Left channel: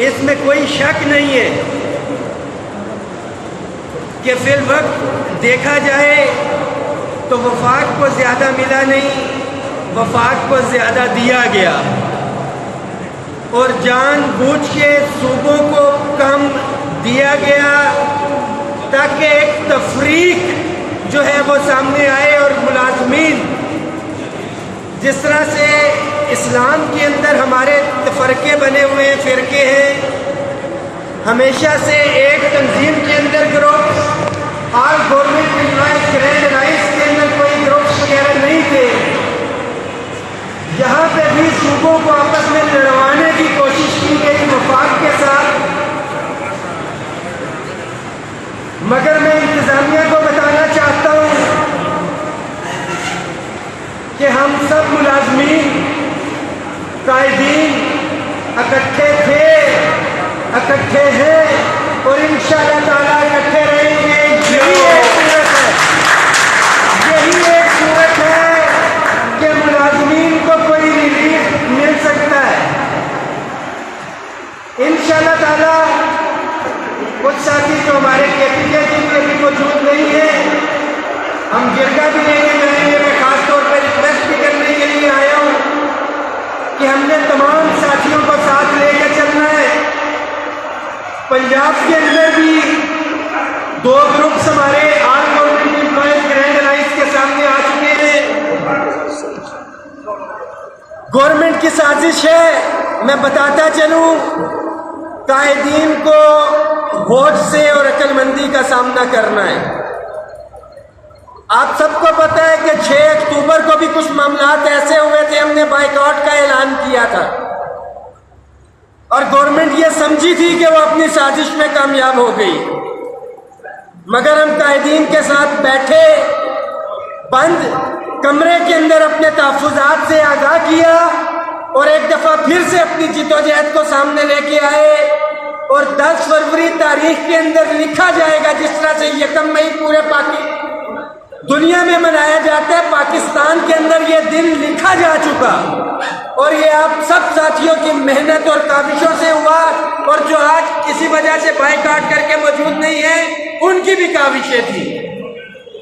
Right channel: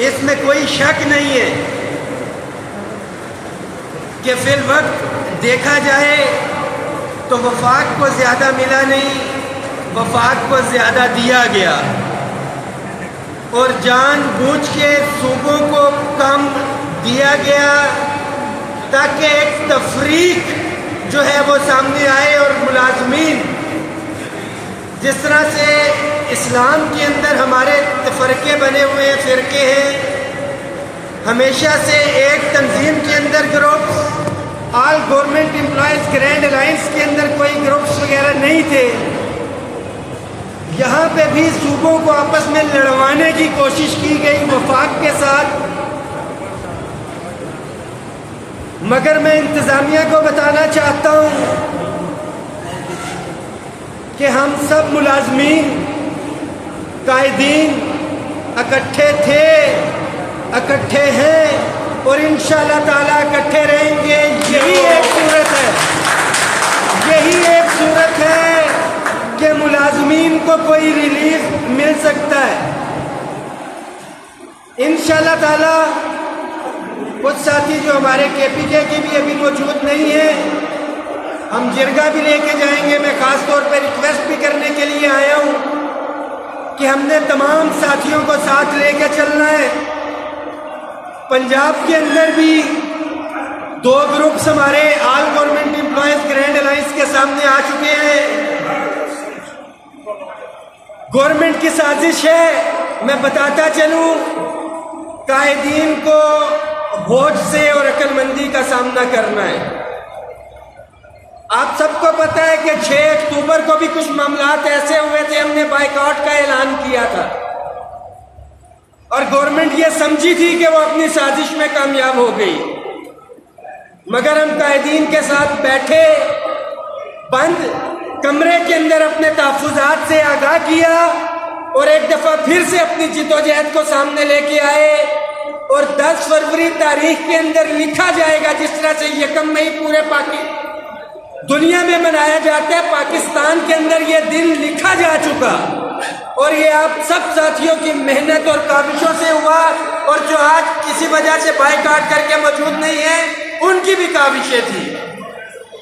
इसमें कोई शक नहीं है कि फिल वक्त देखा जाए तो वफाक को ज़्यादा मिला नहीं, वफाक को ज़्यादा दिया गया और जानबूझ के सूबों को कम दिया गया ताकि एक तफरीक जो है वो सामने आए और मुलाजमीन जिस तरह से इस्लाम के अंदर हमारे तफरके बने हुए हैं, फ़िरके हैं, हमेशा से एक तंजीम के अंदर group all government employees grand rice के अंदर कोई ग्रुप्स वगैरह नहीं थे। यहाँ पे भी सूबों को आपस में लड़वाने की कोशिश की गई वफाक के साथ, मगर मैं इंतज़ामिया को बताना चाहता हूँ कि हम सब मुलाजमीन कायदीन इकट्ठे थे, इकट्ठे हैं और इंशाअल्लाह ताला इकट्ठे रहेंगे। यही एक सूरत है, यही एक सूरत है कि मुलाजमीन को कोई रिलीफ मिल सकता है इंशाअल्लाह ताला। कुछ साथी जो हमारे KPK के भी अभी मौजूद नहीं है, हम जिरगा भी लेके जाएंगे। मैं खास तौर पर रिक्वेस्ट भी करने के लिए आया हूँ कि हमने तमाम साथियों को साथ लेकर चलना है। पंजाब के अंदर भी 2 ग्रुप्स हमारे all government employees grand alliance के सामने आ चुके हैं। गवर्नमेंट की साजिश है, मैं बताता चलूँ, कायदीन को होश से और अक्लमंदी का सामना करना है। आप सबको पता है कि 6 अक्टूबर को भी कुछ मामलात ऐसे हुए थे, हमने बाइकआउट का ऐलान किया था और गवर्नमेंट ये समझी थी कि वो अपनी साजिश में कामयाब हो गई, मगर हम कायदीन के साथ बैठे, बंद कमरे के अंदर अपने तहफ़्फ़ुज़ात से आगाह किया और एक दफ़ा फिर से अपनी जिद्दोजहद को सामने लेके आए और 10 फरवरी तारीख के अंदर लिखा जाएगा, जिस तरह से 1 मई पूरे दुनिया में मनाया जाता है, पाकिस्तान के अंदर ये दिन लिखा जा चुका और ये आप सब साथियों की मेहनत और काविशों से हुआ और जो आज किसी वजह से बाइकआउट करके मौजूद नहीं है, उनकी भी काविशें थी।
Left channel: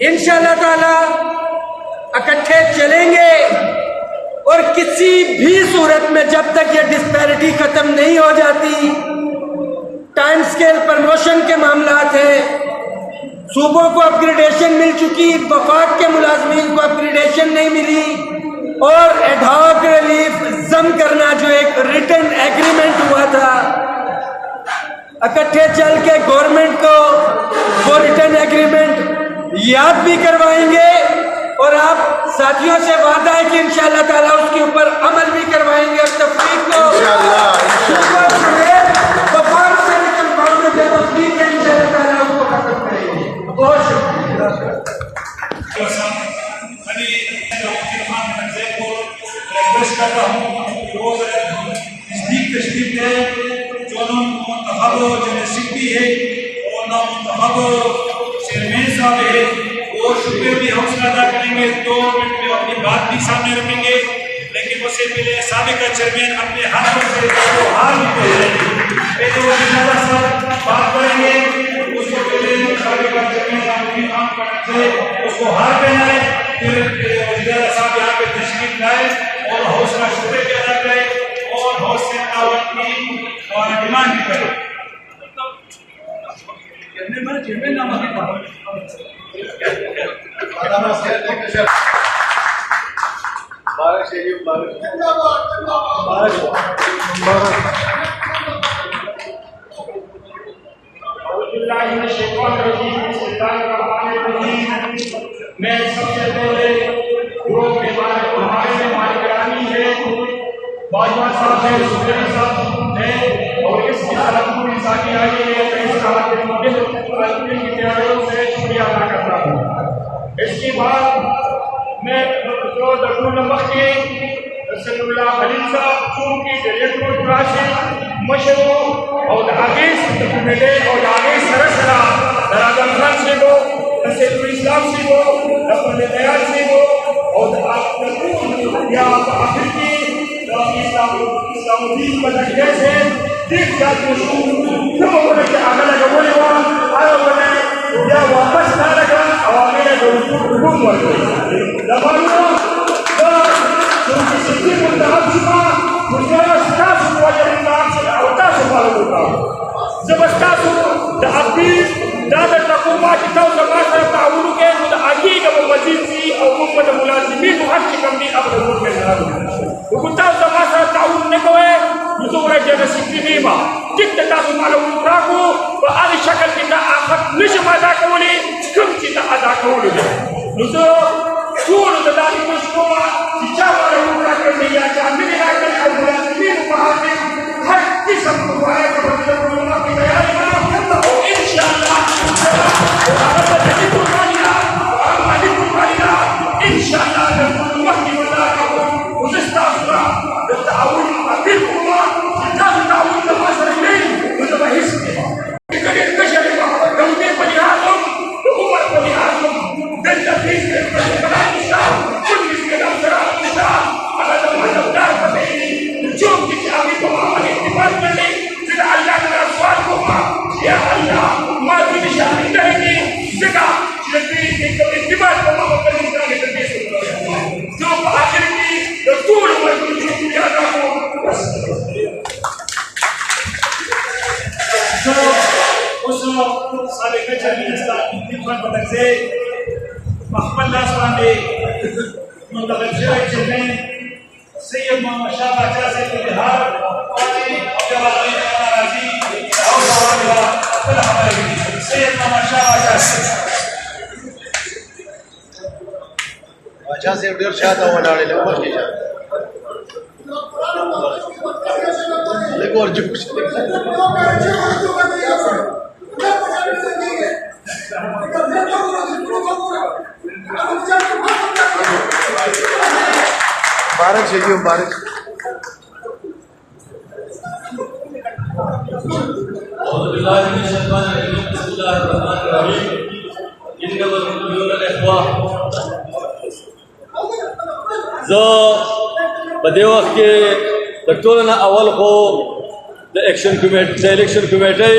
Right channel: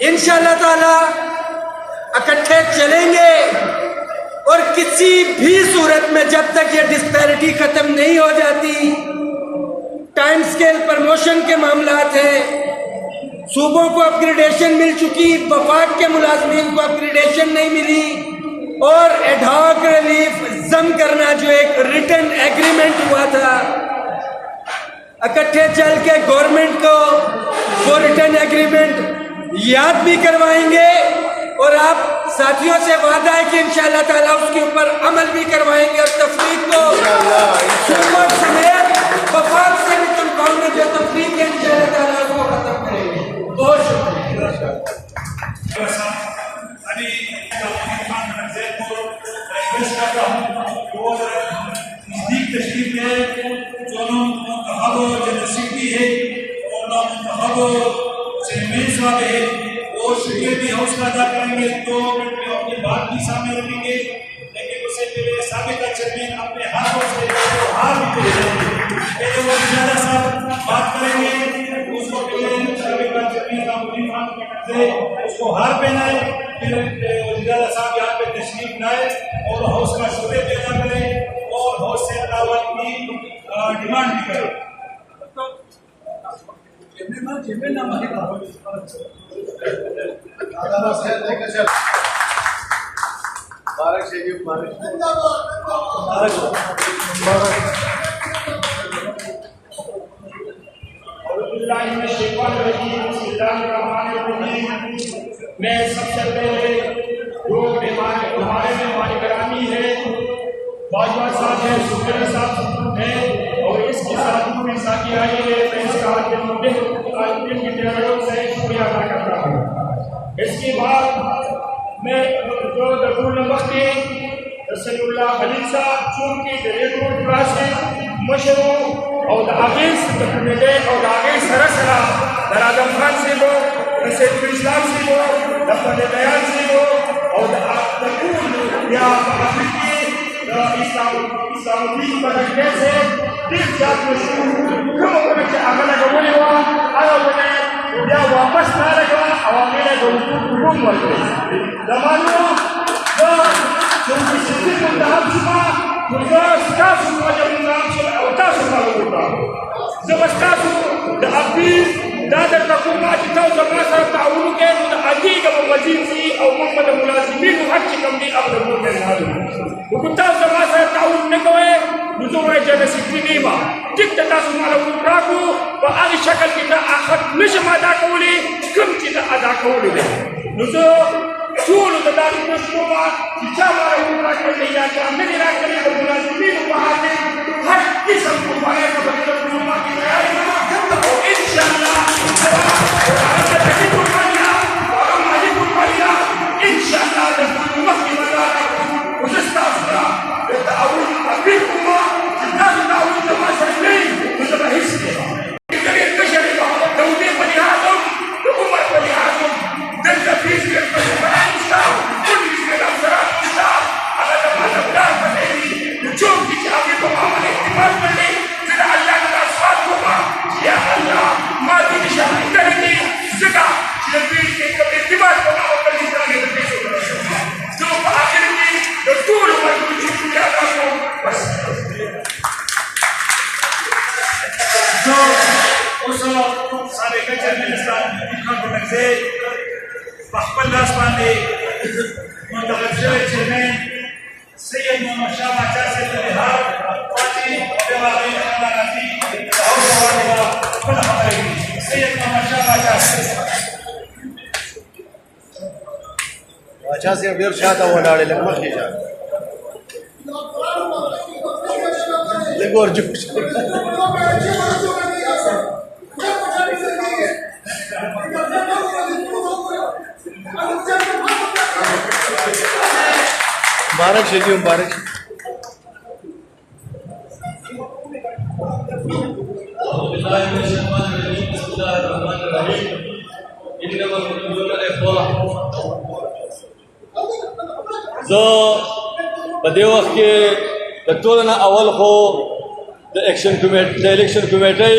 इंशाअल्लाह ताला इकट्ठे चलेंगे और किसी भी सूरत में जब तक ये डिस्पैरिटी खत्म नहीं हो जाती, टाइम स्केल प्रमोशन के मामलात हैं, सूबों को अपग्रेडेशन मिल चुकी, वफाक के मुलाजमीन को अपग्रेडेशन नहीं मिली और एडहॉक रिलीफ जम करना जो एक रिटन एग्रीमेंट हुआ था, इकट्ठे चल के गवर्नमेंट को वो रिटन एग्रीमेंट याद भी करवाएंगे और आप साथियों से वादा है कि इंशाअल्लाह ताला उसके ऊपर अमल भी करवाएंगे और तफरीक को वफाक से निकलवाने जो तफरीक है इंशाअल्लाह ताला उसको खत्म करेंगे। बहुत शुक्रिया। भी हौसला अदा करेंगे, 2 मिनट में अपनी बात भी सामने रखेंगे, लेकिन उससे पहले साबिका चेयरमैन अपने हाथों से हार भी पहले वो इजाज़त साहब बात करेंगे, उसको पहले साबिका चेयरमैन से उसको हार पहनाए, फिर इजाज़त साहब यहाँ पे तशरीफ लाए और हौसला शुक्र भी अदा करें और हौसले की डिमांड भी करें। मैं सबसे पहले जो हमारे ग्रामी है, बाजवा साहब है, सुखदेव साहब है और इसके साथ पूरी साथी आई है, मैं इसका विद्यालयों से शुक्रिया अदा करता हूँ। इसके बाद मैं जो दरुल नमक के रसूलुल्लाह खलील साहब चूंकि डायरेक्टर से मशहूर और आगे मिले और आगे सरसरा दराजम खान से वो नसीरुल इस्लाम से वो रफल दयाल से वो और या अफ्रीकी इस्लामुद्दीन बदकने से ډېر زیات مشهور کومه ونه چې هغه لګولې وه هغه ونه بیا واپس رالګه او هغې له د وجود حکم ورکړي زمانو زه څومره سیاسي منتخب شومه نو زه ستاسو مواجه منتخب شم او تاسو فالو وکړه زه به ستاسو د اپیل دا درته کوم چې تاسو زما سره تعاون وکړئ نو د عادي که به وزیر شي او موږ به د ملازمینو حق چې کوم دي هغه به زموږ جنرال نو که تاسو زما سره تعاون نه کوئ نو زه ورځ نصیبي نه یم ټیک ده تاسو ماله راکړو په هغې شکل کې دا آخر نه شم ادا کولی کوم چې دا ادا کولی دی نو زه ټولو ته دا ریکویسټ کوم چې چا ماله راکړی یا چا نه دي راکړی او ملازمینو په حاکم هر قسم قربانۍ په بدله کولو کې تیار یم او انشاءالله ان شاء الله نوحي ولاك وتستغفر بالتعاون بكم تكاد تعاون مصر الليل وتبهسني كثير بشري لو دي بني ادم لامه بني ادم انت فيك بني النساء كل من امثال النساء على زمان اولاد فتحي نشوف كتابكم عمل احتفال مني من الله الاصواتكم يا الله ما في شيء عندنا زكاه لبيك الانتباه وما قبل الإنسان يتبيس ثم آخر کی طول ما يقول جيتو يا دامو بس اوسو سابقه چرمنستان انتخاب پرنګځي خپل لاس باندې منتخب شوی چیرمن سید محمد شاه باچا صاحب د بهار پارټي او د راځي او خپل حواله سید محمد شاه باچا صاحب बादशाह से ډیر شاته ولاړې له ورته شه لګور جو مبارک شه دی مبارک أعوذ بالله من الشيطان الرجيم بسم الله الرحمن الرحيم إنما المؤمنون الإخوة زه په دې وخت کې د ټولو نه اول خو د الیکشن کمیټۍ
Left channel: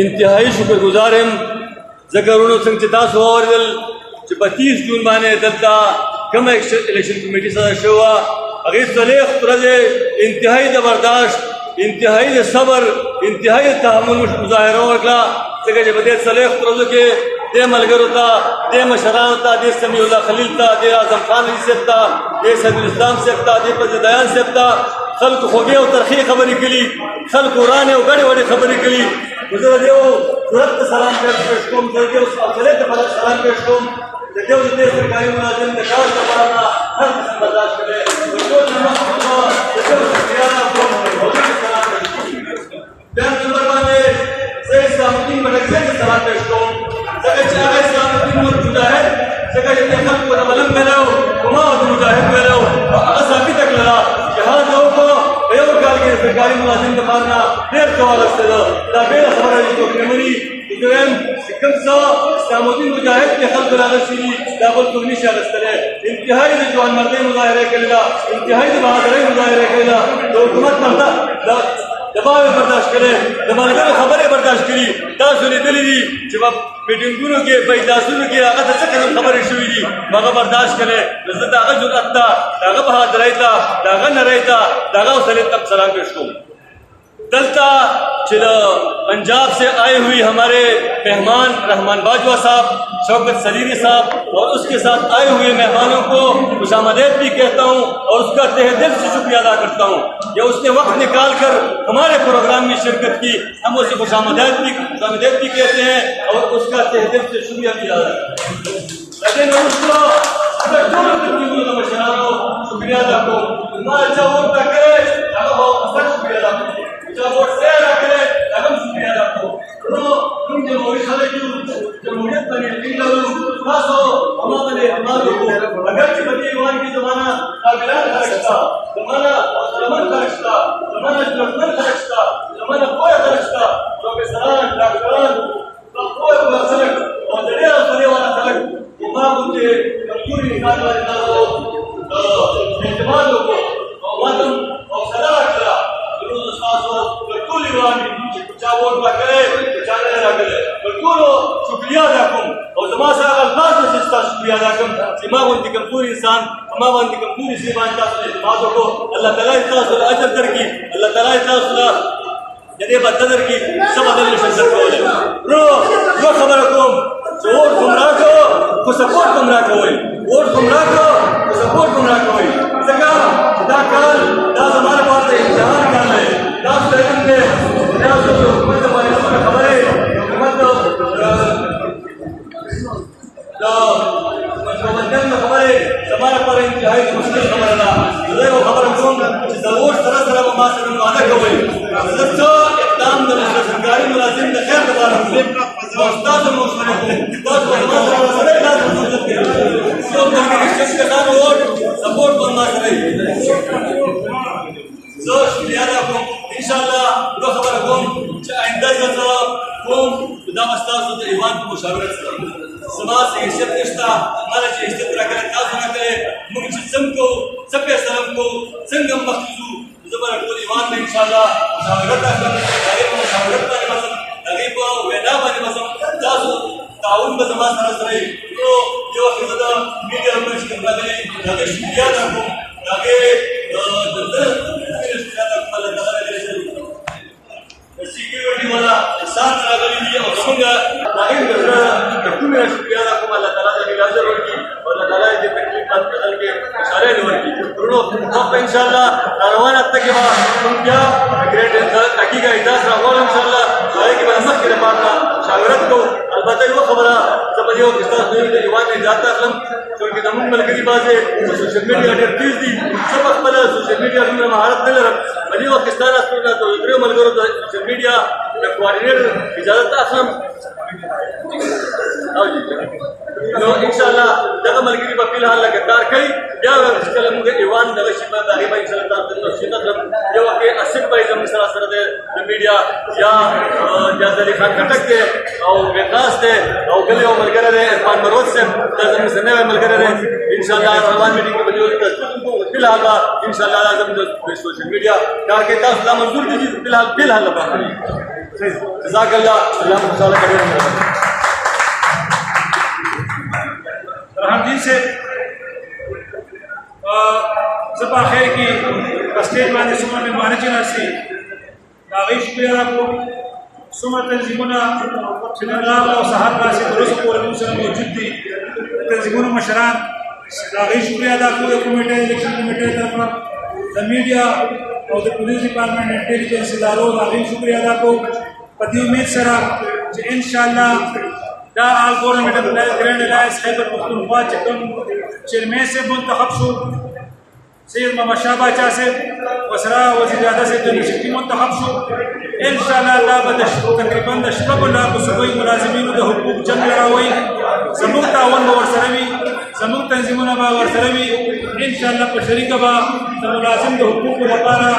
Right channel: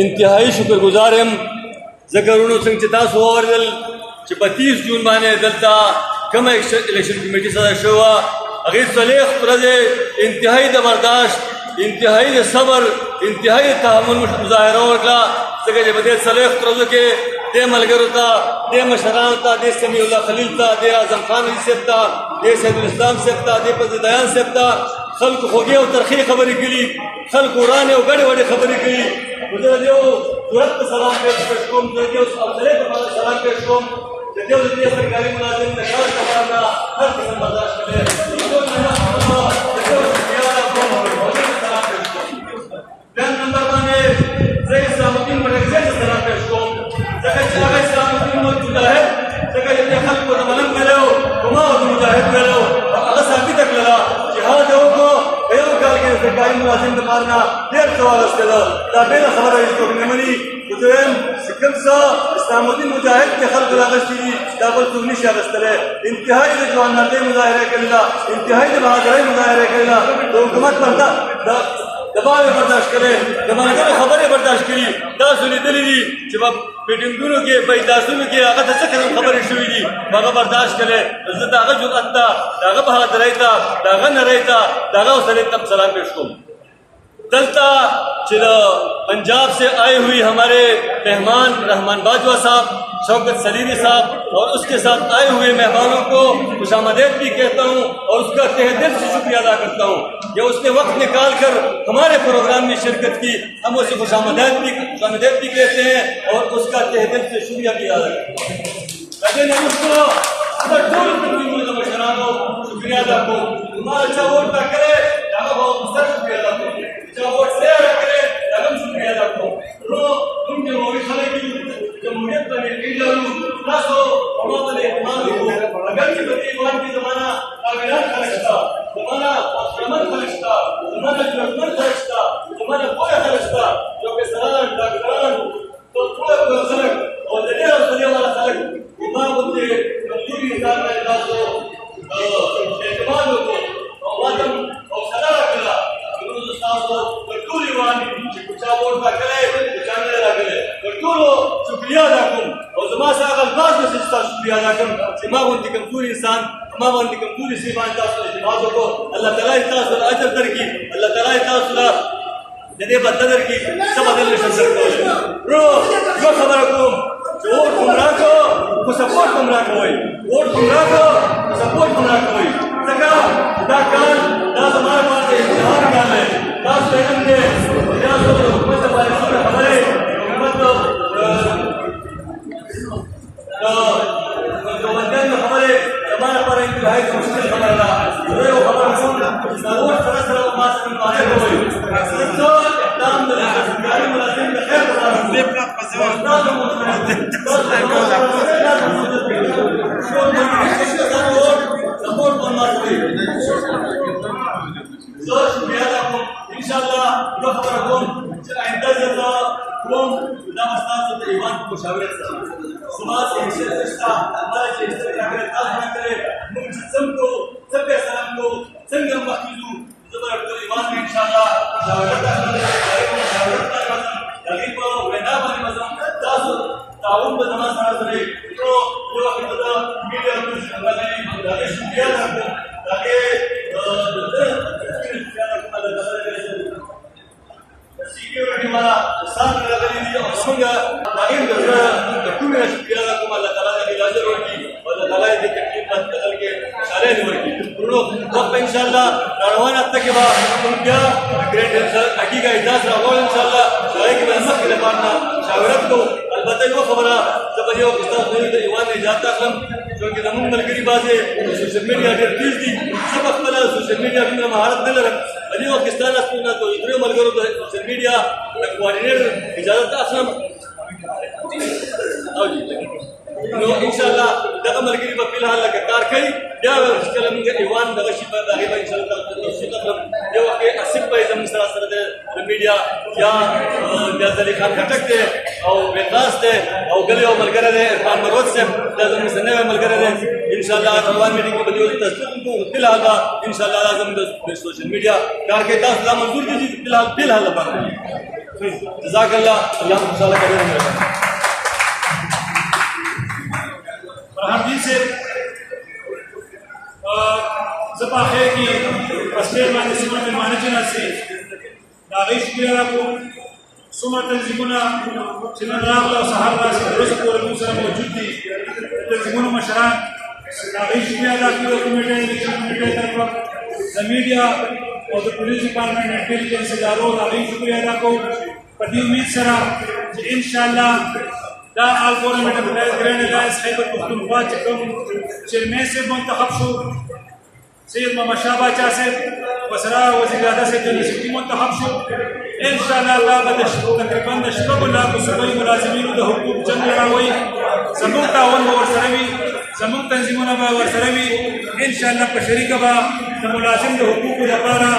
انتهایی شکرګزار یم ځکه وروڼو څنګه چې تاسو واورېدل چې په 30 جون باندې دلته کومه الیکشن کمیټۍ سره شوې وه هغې 40 ورځې انتهایی د برداشت انتهایی د صبر انتهایی د تحمل مظاهره وکړه ځکه چې په دې 40 ورځو کې دې ملګرو ته دې مشرانو ته دې سمیع الله خلیل ته دې اعظم خان علي صاحب ته دې سید الاسلام صاحب ته دې فضلدیان صاحب ته خلکو خوږې او ترخې خبرې کړي خلکو ورانې او ګډې وډې خبرې کړي نو زه د دې صورت ته سلام پېښ کوم د دې حوصلې ته سلام پېښ کوم د دې سرکاري ملازم د کار لپاره هر قسم برداشت کوي د ټول شکریه ادا کوم او دې سلام پېښ کوم بیا نمبر باندې زه اسلام الدین مډرګزی ته سلام پېښ کوم ځکه چې هغه اسلام الدین مجاهد ځکه چې خلکو د ملنګ ویلو کومه د مجاهد ویلو هغه ثابت کړله جهاد وکړو په یو کال کې سرکاري ملازم دپاره نه ډېر څه واخیستله دا بېله خبره وي څوک نه مني خو زه وایم چې کوم څه اسلام الدین مجاهد کې خلکو راغلي دي دا بل څوک نشي اخیستلی انتهایي د ځوانمردۍ مظاهره کړې ده انتهایي د بهادرۍ مظاهره کړې ده د حکومت نه دباو برداشت کړي د ملګرو خبرې برداشت کړي تاسو لیدلي دي چې په میټینګونو کې په اجلاسونو کې هغه ته څه قسم خبرې شوي دي هغه برداشت کړي زه د هغه جرأت ته د هغه بهادرۍ ته د هغه نرۍ ته د هغه حوصلې ته سلام پیش کوم دلتا چلو पंजाब से आए हुई हमारे मेहमान रहमान बाजवा साहब शौकत सलीरी साहब और उसके साथ आए हुए मेहमानों को खुशामदीद भी कहता हूँ और उसका तहे दिल से शुक्रिया अदा करता हूँ कि उसने वक्त निकाल कर हमारे प्रोग्राम में शिरकत की हम उसे खुशामदीद भी कहते हैं और उसका तहे दिल से शुक्रिया भी अदा करते हैं लेकिन उसको अगर दोनों शुक्रिया अदा को हमारा अच्छा वोट ना करे शुक्रिया अदा करिए वोट से करे हम शुक्रिया अदा को तुम जमहूरी खलक जमहूरियत बने खासो हमारे हमारे अगर की बदीवान की जमाना काबिलान खर्चता जमाना रमन खर्चता जमाना जुलमन खर्चता जमाना कोई खर्चता प्रोफेसरान डॉक्टरान तो कोई खर्च और जरिया सुने वाला खर्च उमा उनके कमजोरी इंसान वाले खासो एतमाद को और मातम और सदा करा टूल ईवान कुचा वोट राखे कुचा ने राखे टूलो शुक्रिया अदा करूं और जमा सा अल्फाज में सिस्ता शुक्रिया अदा करूं सिमा वंती कम पूरी इंसान अमा वंती कम पूरी सीमान का इस्तेमाल को अल्लाह ताला इतना सुला अजर कर की अल्लाह ताला इतना सुला जदे बददर की सब अदल फजर को रो जो खबर को जो वोट गुमराह को सपोर्ट गुमराह को वोट गुमराह को सपोर्ट गुमराह को सका खुदा काल दास हमारे पास इम्तिहान काल है दास लेकिन के दास हुकूमत हमारे को खबर है हुकूमत तो मंजन में खबर है हमारे पर इंतहाई मुश्किल खबर है मुझे वो खबर हमको जरूर तरह तरह को मास में वादा कर वही तो इकदाम दल सरकारी मुलाजिम ने खैर बता रहे हैं उस्ताद मुश्किल तो सपोर्ट करना चाहिए जो शुक्रिया आपको इंशाल्लाह दो खबर को आइंदा जब कौम खुदा मस्ताद से ईमान को मुशावरत समाज से इज्जत रिश्ता हमारा जो इज्जत रखे ताज ना करे मुंशिम को सबके सलाम को संगम मखलू जबर को ईमान में इंशाल्लाह मुशावरत करे मुशावरत का मसम तगीब वेना वाली मसम ताज ताउन में जमा सरस रही तो जो खुदा मीडिया में करना गई लगे शुक्रिया आपको लगे सिक्योरिटी वाला साथ लगा लीजिए और संग लाइन तो मेरा शुक्रिया आपको अल्लाह ताला की नजर होगी और अल्लाह ताला की तकलीफ बात बदल के इशारे होगी दोनों वक्त इंशाल्लाह रवाना तक के बाद तुम क्या ग्रेड हकीका इजाज़त रहो इंशाल्लाह सारे की मदद के पाना शावरत को अलबत्ता वो खबर जब जो किस्ता हुई तो जवान ने जाता हम जो कि नमून मलकी बात है सोशल मीडिया के प्लीज दी सब अकबल सोशल मीडिया में महारत दे रहा बनी वो किस्ता ना तो इतने मलगरो तो सोशल मीडिया कोऑर्डिनेटर इजाजत असलम आओ जी इंशाल्लाह दगा मलकी पर फिलहाल लगातार कई या चल मुझे ईवान दगा शिफा दारी भाई इंशाल्लाह तो शिदत हम जो के असिब भाई जम सरासर दे मीडिया या जली खान खटक के और विकास दे और गली और मलगरे दे इरफान मरवत से तजम सने में मलगरे दे इंशाल्लाह रवान मीडिया की बदियो तस्दीक को फिलहाल इंशाल्लाह आजम दो सोशल मीडिया ताकि दास मंजूर की फिलहाल लबा जज़ाकल्लाह अल्लाह मुसाला करे हम दिन से जबा खैर की स्टेज माने सुमर में माने चना से दागी शुक्रिया आपको सुमर तंजीमुना चनन राव और साहब का से रोज को सर मौजूद थी तंजीमुना मशरान दागी शुक्रिया आपको कमेटी इलेक्शन कमेटी तरफ द मीडिया और द पुलिस डिपार्टमेंट इंटेलिजेंस इदारों दागी शुक्रिया आपको पदी उम्मीद सरा इंशाल्लाह दा आल government grand alliance Khyber Pakhtunkhwa चकम चेयरमैन से मुंतखब शो सैयद मोहम्मद शाहबाचा से वसरा वज़ीर आज़म से यूनिवर्सिटी मुंतखब शो इंशाल्लाह दा तकरीबन शबुल्लाह को सुबह मुलाजिमीन द हुकूक जंग लड़ावई समूह तावन व सरवी समूह तंजीमुना बा व सरवी इंशाल्लाह को शरीक बा द मुलाजिम द हुकूक लपारा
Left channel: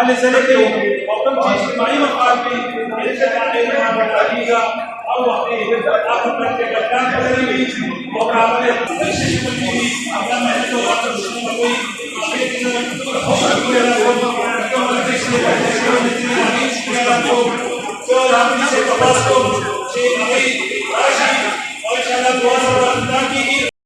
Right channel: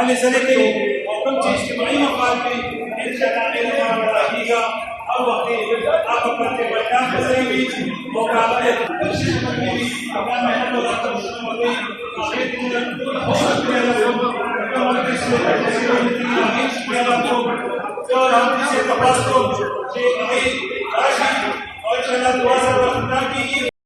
अल ज़ले के हुकम चीज इज्तिमाई मकाम पे इंशाल्लाह बताइएगा और आपको करके बता करेंगे और आपने कोशिश करनी है अपना मेहनत और आपका कोई आगे की तरफ कोशिश करेगा तो हमारे इसलिए तो हम इसे तबास को से अभी राशि और इंशाल्लाह दुआ से